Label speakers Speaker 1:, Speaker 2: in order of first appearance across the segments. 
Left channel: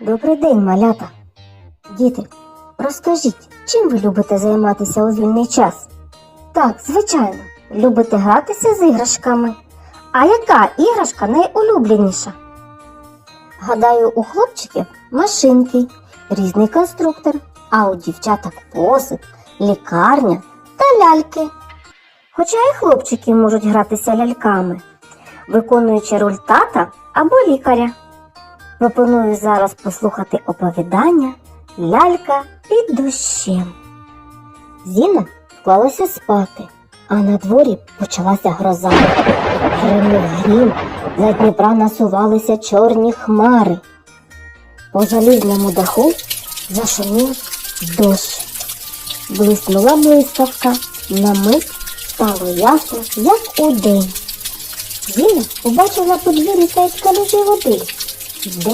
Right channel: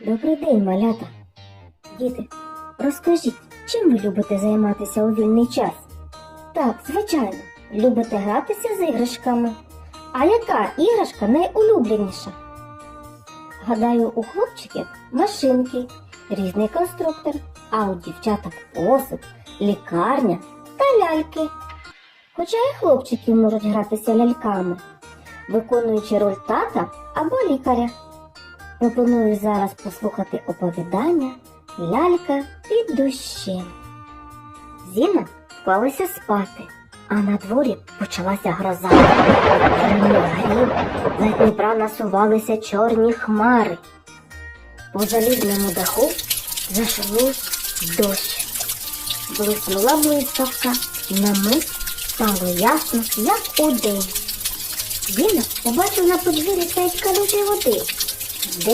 Speaker 1: Добрий день, малята. Діти, розкажіть, чим ви любите займатися у вільний час?
Speaker 2: Так, звичайно, любите гратися з іграшками. А яка іграшка найулюбленіша? Гадаю, у хлопчиків машинки, різний конструктор, а у дівчаток посуд, лікарня та ляльки. Хоча і хлопчики можуть гратися ляльками, виконуючи роль тата або лікаря.
Speaker 1: Пропоную зараз послухати оповідання Лялька під дощем. Зіна вклалася спати, а на дворі почалася гроза. Гримив грім за Дніпра насувалися чорні хмари. По залізному даху зашумів дощ. Блиснула блискавка, на мить стало ясно, як у день. Зіна побачила подвір'я та й води десь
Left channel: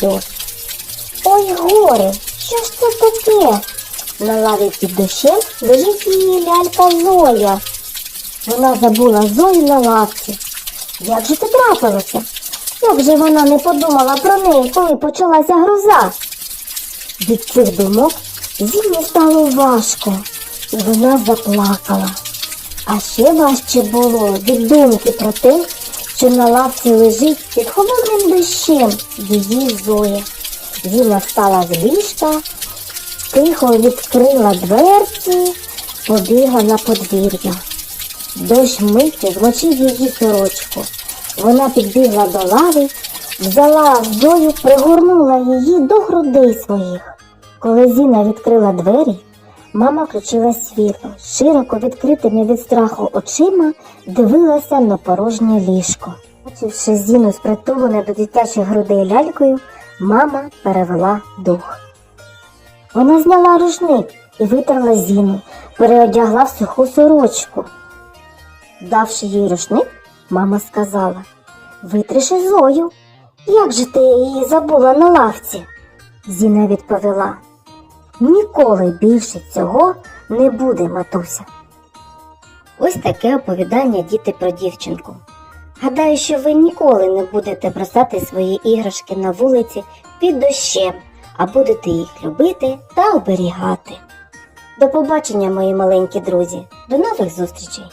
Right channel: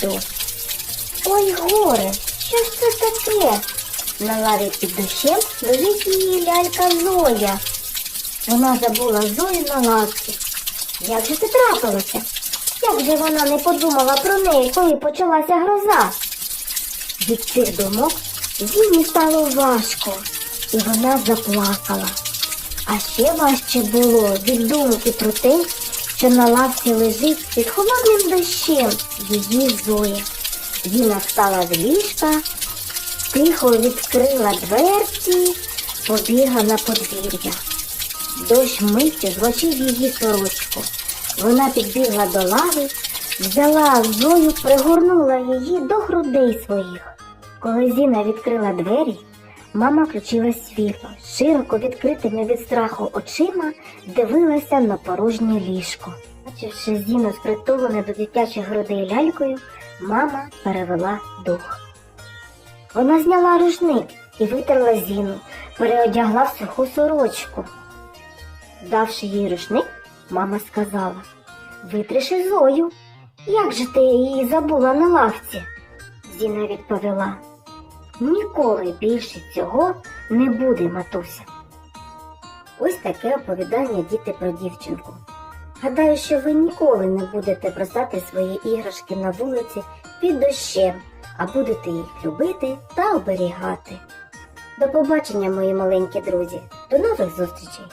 Speaker 1: дощ. Ой, горе, що ж це таке? На лаві під дощем лежить її лялька Зоя. Вона забула Зою на лавці. Як же це трапилося? Як же вона не подумала про неї, коли почалася гроза? Від цих думок Зіні стало важко, і вона заплакала. А ще важче було від думки про те, що на лавці лежить під холодним дощем її зоя. Зіна встала з ліжка, тихо відкрила дверці, побігла на подвір'я. Дощ миттю змочив її сорочку. Вона підбігла до лави, взяла зою, пригорнула її до грудей своїх. Коли Зіна відкрила двері, Мама включила світло, широко відкритими від страху очима дивилася на порожнє ліжко. Бачивши зіну, спритулене до дитячих грудей лялькою, мама перевела дух. Вона зняла рушник і витерла зіну, переодягла в суху сорочку. Давши їй рушник, мама сказала Витриши зою, як же ти її забула на лавці? Зіна відповіла. Ніколи більше цього не буде, матуся. Ось таке оповідання діти про дівчинку. Гадаю, що ви ніколи не будете бросати свої іграшки на вулиці під дощем, а будете їх любити та оберігати. До побачення, мої маленькі друзі, до нових зустрічей!